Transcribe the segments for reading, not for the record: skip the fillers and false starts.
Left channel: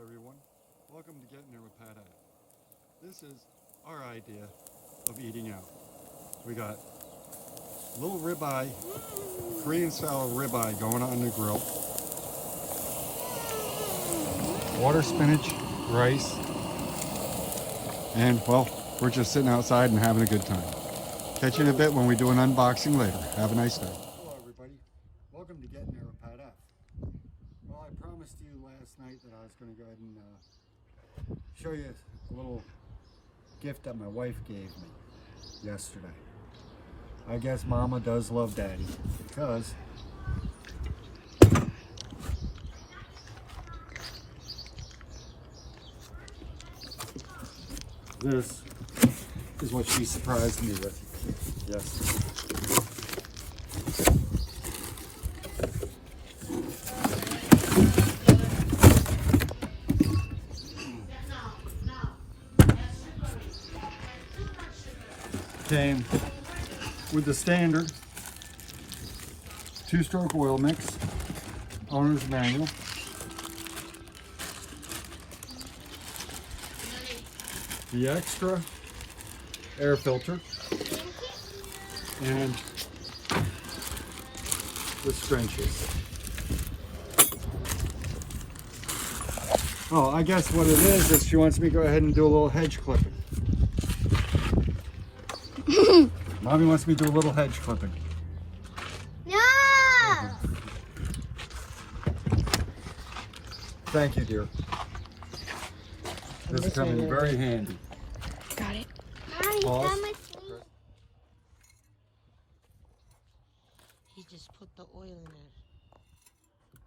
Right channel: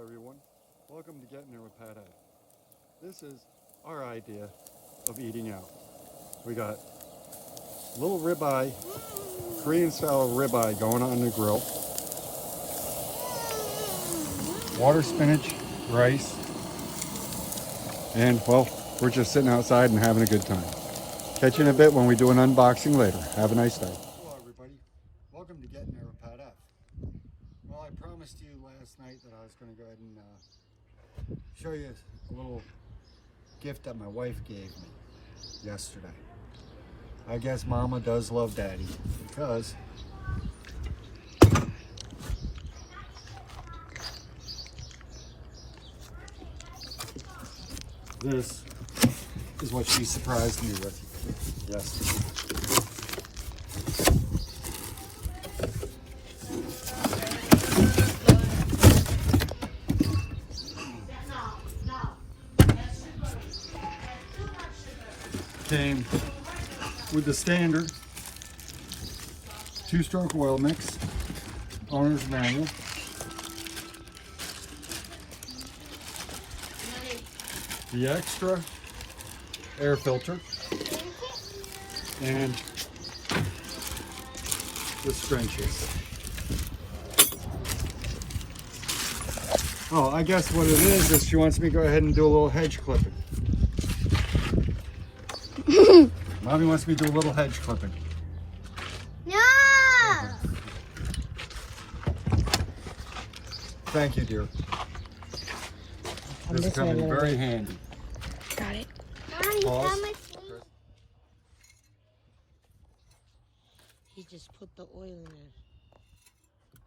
Hello everyone, welcome to Getting There with Pat Ed. This is our idea of eating out. We got little ribeye, Korean style ribeye going on the grill, water spinach, rice, and well, we're just sitting outside and having a good time. Catch you in a bit when we do an unboxing later. Have a nice day. Hello everybody, welcome to Getting There with Pat Ed. Well, I promised you last night that I was going to go ahead and show you a little gift that my wife gave me yesterday. I guess Mama does love Daddy because this is what she surprised me with yesterday. Came with the standard 2-stroke oil mix, owner's manual, the extra air filter, and the scrunchies. Oh, I guess what it is she wants me to go ahead and do a little hedge clipping. Mommy wants me to do a little hedge clipping. No! Thank you, dear. This is coming very handy. Got it. Pause. He just put the oil in it.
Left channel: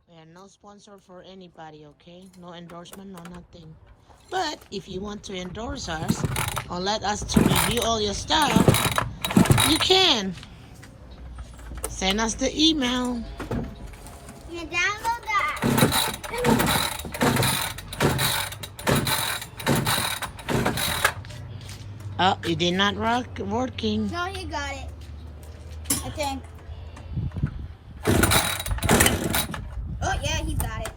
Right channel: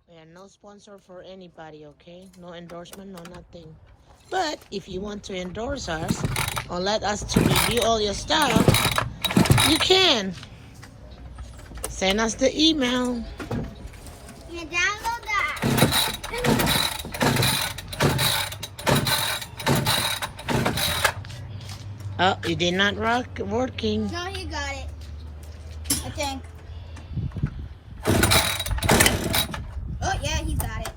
We are no sponsor for anybody, okay? No endorsement, no nothing. But if you want to endorse us or let us to review all your stuff, you can. Send us the email. You download that. Oh, it did not working. No, he got it. I think. Oh, yeah, he got it.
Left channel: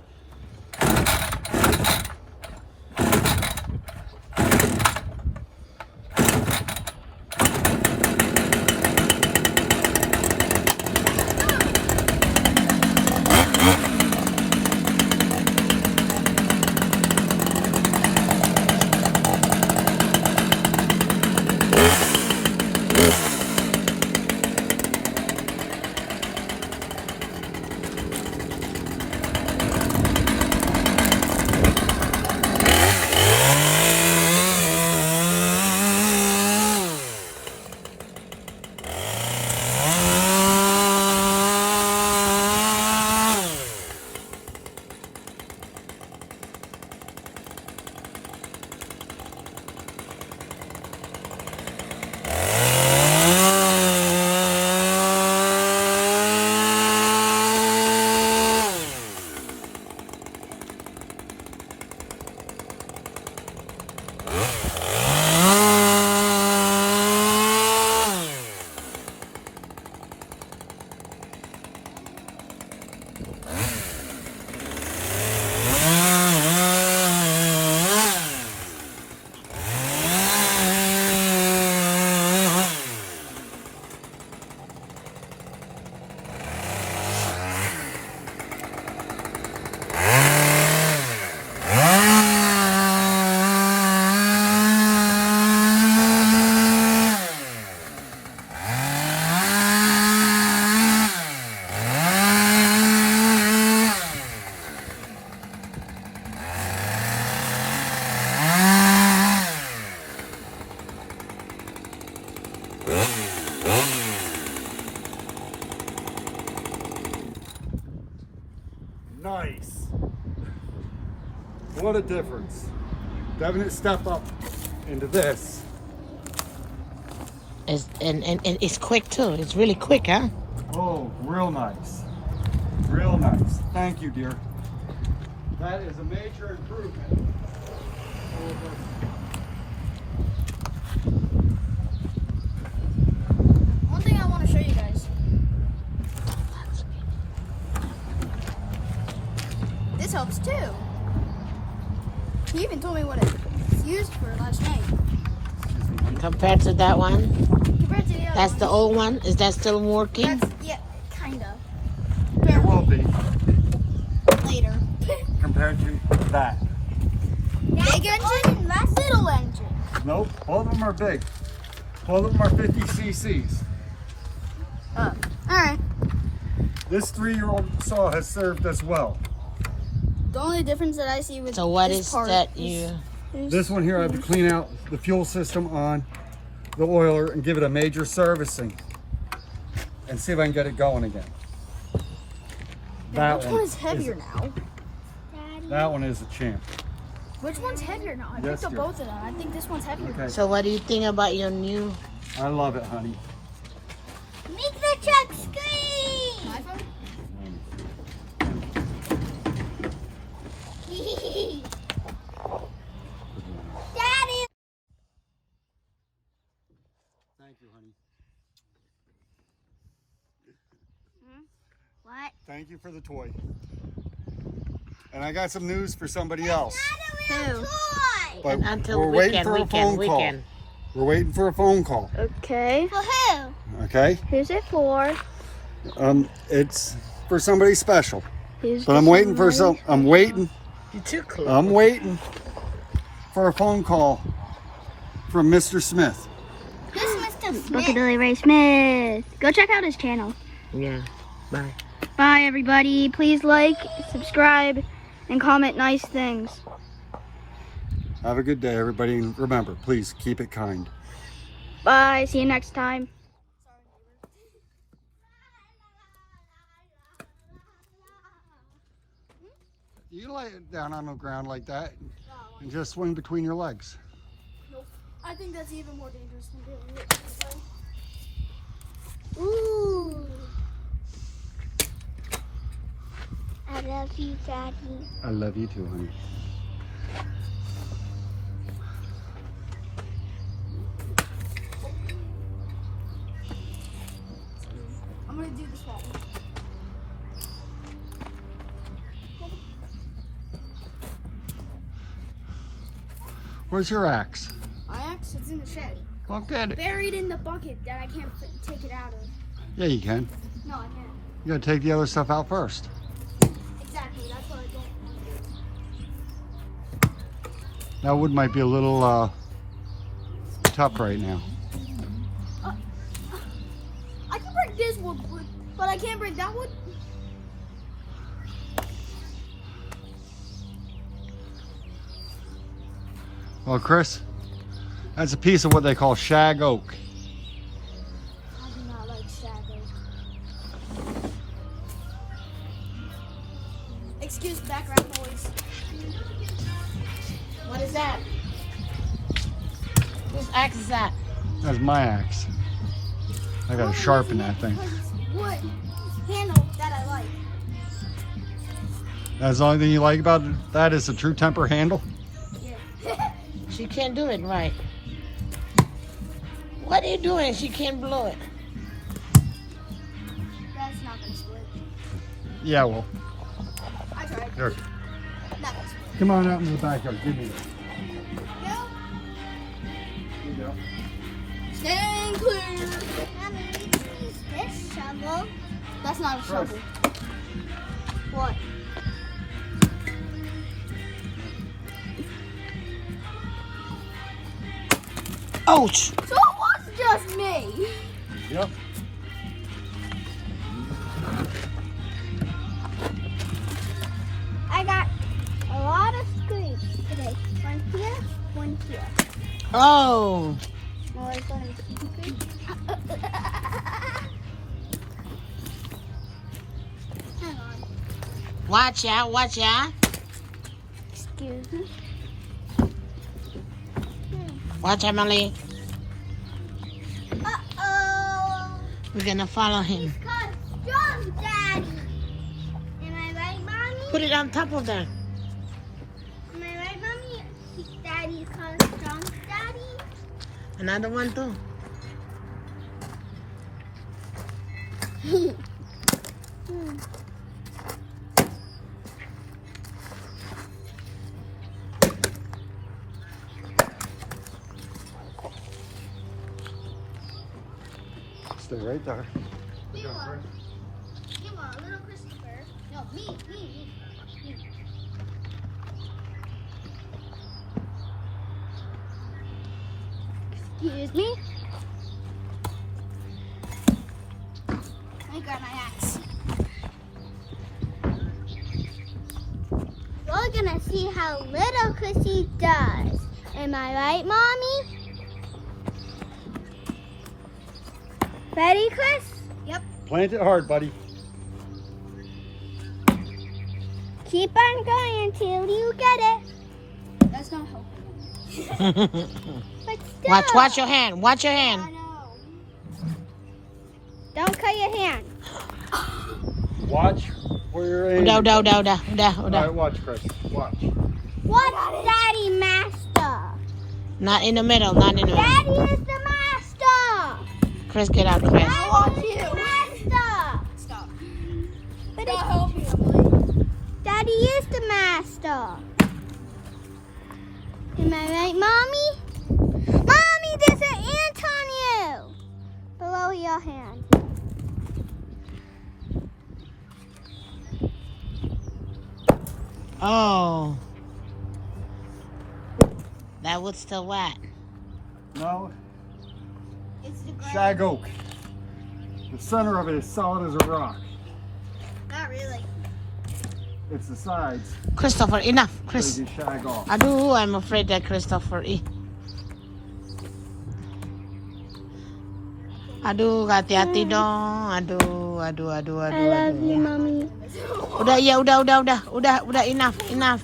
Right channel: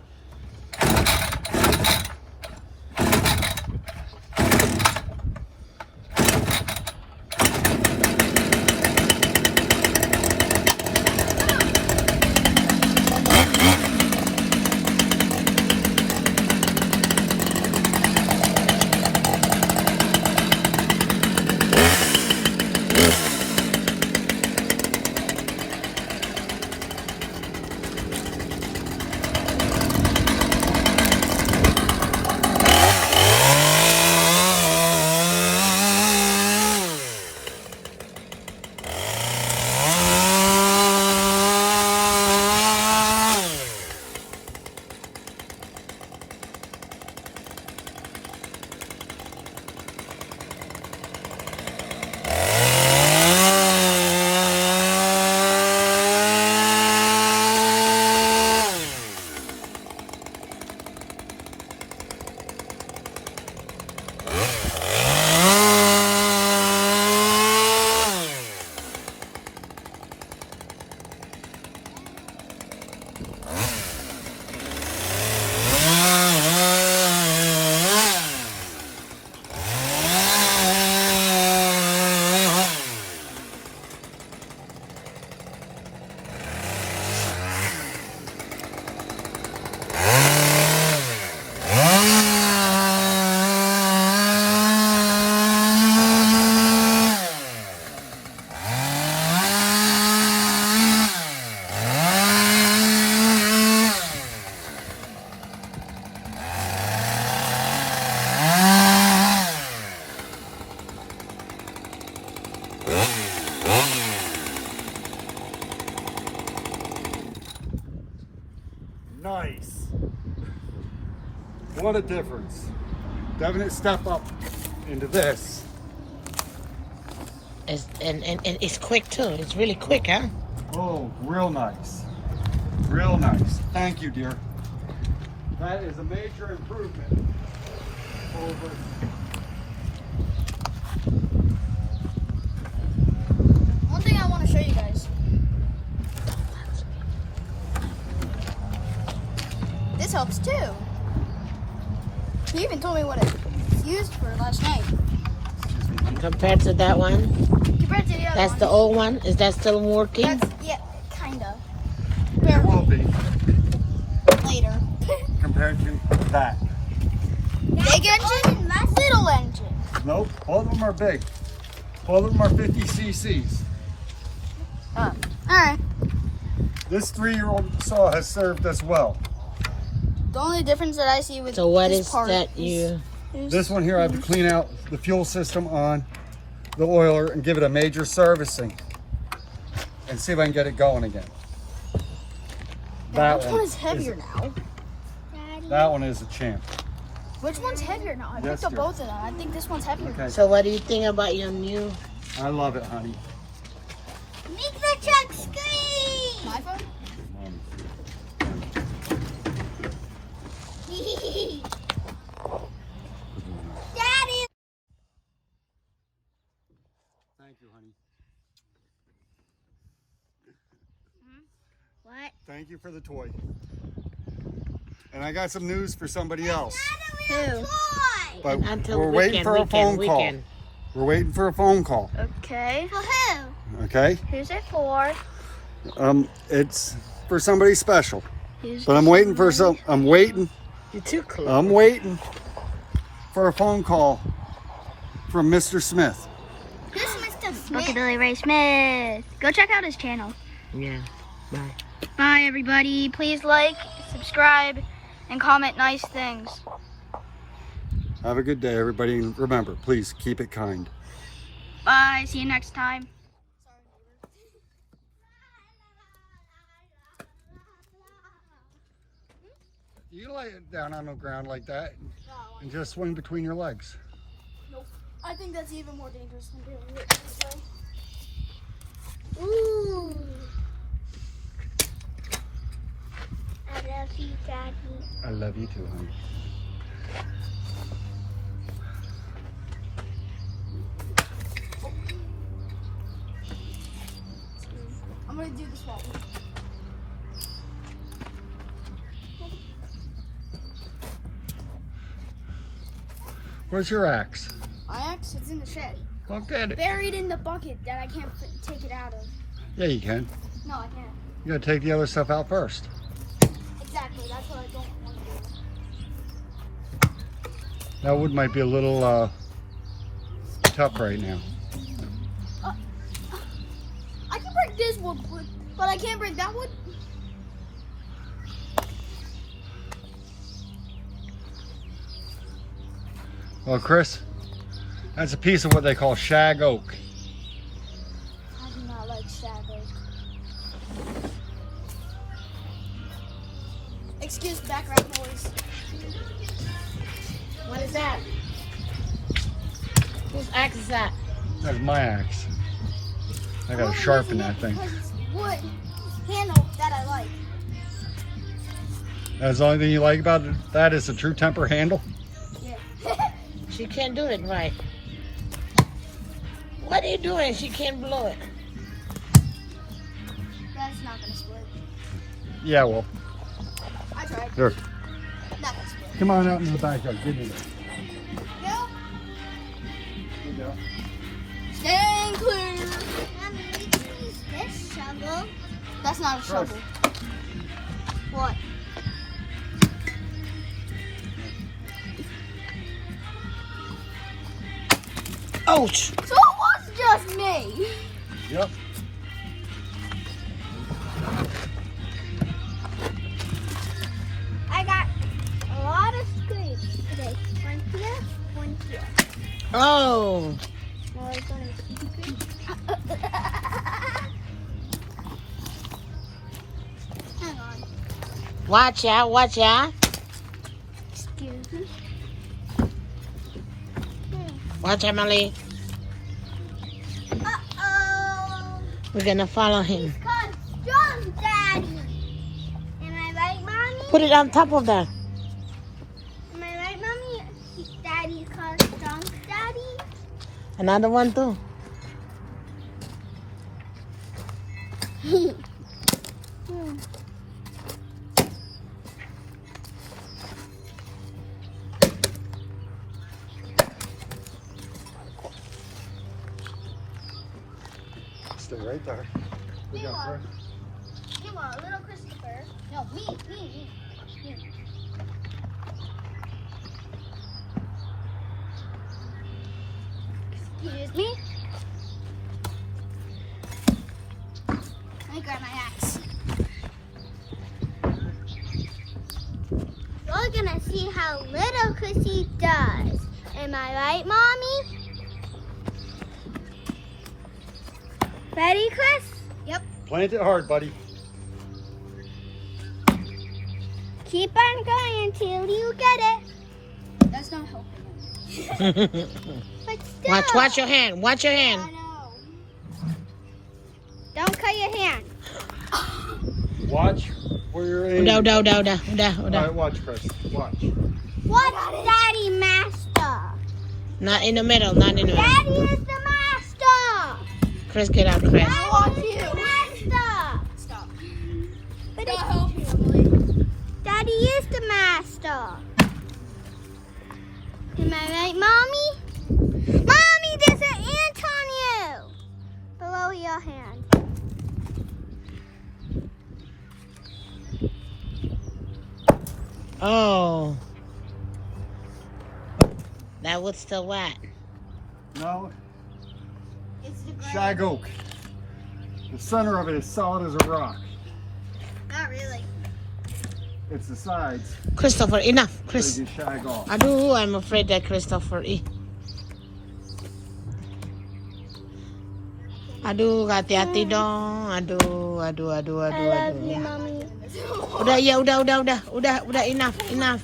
Nice. What a difference. Definite step up into this. And it's quick too. It's really quick, huh? Oh, real nice. Real nice. Thank you, dear. That is a major improvement. One thing I want to show you guys. This helps too. He even told me what it's used for last night. Compared to that one? Compared to the other That's one. the old one? Is that still working? That's, yeah, kind of. It will be Later. compared to that. Big engine, little engine. Nope, both of them are big. Both of them are 50 cc's. Oh. Alright. This 3-year-old saw has served us well. The only difference that I see with So what this is part that you... This one here, I have to clean out the fuel system on the oiler and give it a major servicing and see if I can get it going again. That Which one is heavier now? That one is a champ. Which one's heavier now? I Yes, picked up dear. both of them. I think this one's heavier. Okay. So what do you think about your new... I love it, honey. Make the truck scream! My phone? Daddy! Thank you, honey. What? Thank you for the toy. And I got some news for somebody else. Who? But Until we're waiting for a phone call. We're waiting for a phone call. Okay. For who? Okay? Who's it for? It's for somebody special. Who's But I'm waiting for some. I'm waiting You're too close. I'm waiting for a phone call from Mr. Smith. Who's Mr. Smith? Rockabilly Ray Smith. Go check out his channel. Yeah. Bye. Bye, everybody. Please like, subscribe, and comment nice things. Have a good day, everybody. And remember, please keep it kind. Bye. See you next time. You lay it down on the ground like that and just swing between your legs. Nope. I think that's even more dangerous than doing it this way. Ooh. I love you, Daddy. I love you too, honey. I'm gonna do the small one. Where's your axe? My axe is in the shed. Well, get it. Buried in the bucket that I can't take it out of. Yeah, you can. No, I can't. You gotta take the other stuff out first. Exactly. That's what I don't want to do. That wood might be a little tough right now. I can break this wood, but I can't break that wood. Well, Chris, that's a piece of what they call shag oak. I do not like shag oak. Excuse background noise. What is that? Whose axe is that? That's my axe. I gotta sharpen that thing. Because it's wood handle that I like. That's the only thing you like about that is the true temper handle? Yeah. She can't do it right. What are you doing? She can't blow it. That's not gonna split. Yeah, well, I tried. here. Not gonna split. Come on out in the backyard. Give me that. Go. Here you go. Stand clear. Mommy, we can use this shovel. That's not a Chris. shovel. What? Ouch! So it was just me. Yep. I got a lot of scrapes today. One here, one here. Oh! No, it's only Hang on. Watch out, watch out. Excuse me. Watch out, Emily. Uh-oh. We're gonna follow him. Cause John, Daddy. Am I right, Mommy? Put it on top of that. Am I right, Mommy? Daddy calls John, Daddy. Another one too. Stay right there. Good job, Chris. You want a little Chrissy first? No, me. Excuse me. Let me grab my axe. We're gonna see how little Chrissy does. Am I right, Mommy? Ready, Chris? Yep. Plant it hard, buddy. Keep on going until you get it. That's not helping. But still. Watch your hand. Watch your I hand. know. Don't cut your hand. Watch where you're aiming. Udah. Alright, watch, Chris. Watch. What's Daddy Master? Not in the middle. Not in the middle. Daddy is the master. Chris, get out, Chris. I want you. Master. Stop. But help you, Emily. Daddy is the master. Am I right, Mommy? Mommy, there's an ant on you. Below your hand. Oh. That wood's still wet. No, It's the glass. shag oak. The center of it is solid as a rock. Not really. It's the sides. Christopher, enough. That Chris. you shag off. Aduh, I'm afraid that Christopher. Aduh, hati-hati dong. Aduh. Mommy. Udah, enough.